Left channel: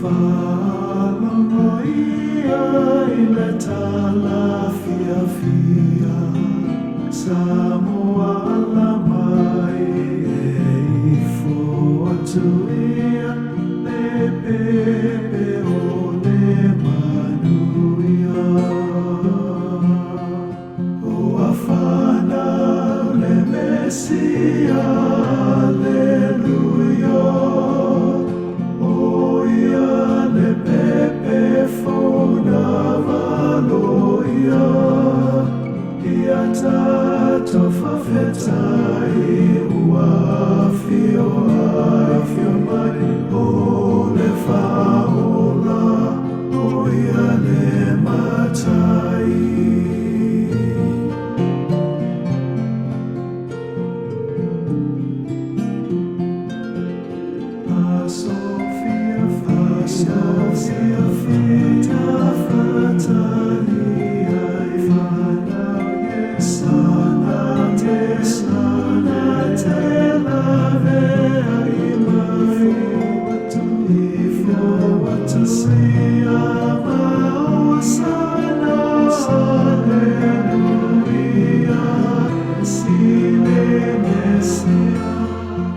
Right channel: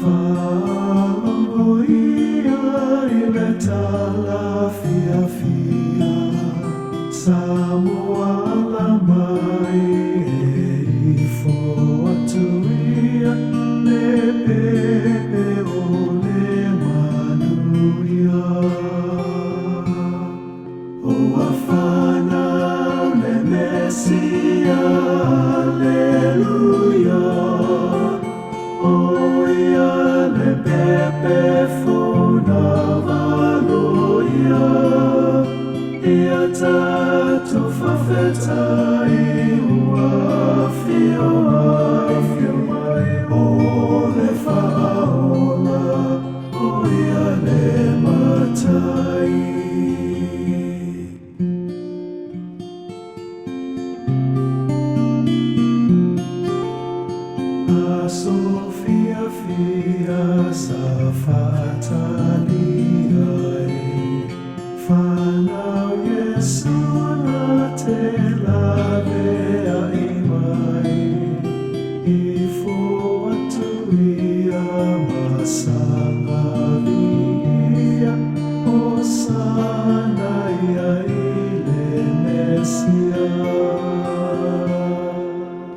Whānongoia I le talawhiawhia, Samoa mai e ifo atuia, le pepe o le manuia. Ua whanau le Mesia, Alleluia. Oia le pepe fona valoia, ia tato whawhetai ua whio mai, o le whaola, oia le matai. Sophia Fia Safatai Whanau Yesana Te Lavea Ifo atuia Matasaya Vaosa Osaya Ia Esia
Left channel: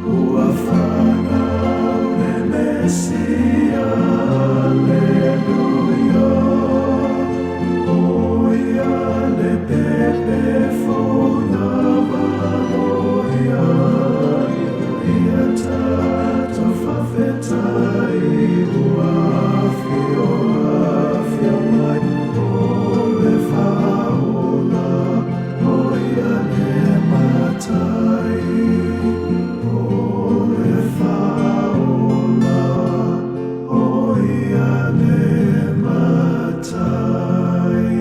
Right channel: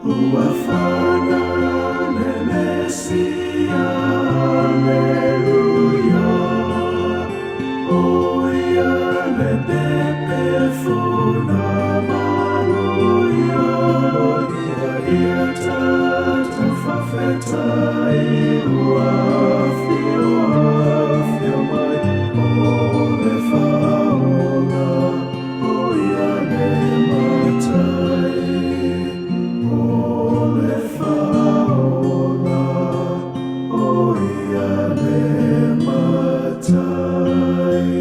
Ua whanau Mesia, Alleluia. Oia le pepe fona valoia, ia tato whawhetai ua whio mai, o le whaola, oia le matai, o le whaola. Oia le matai.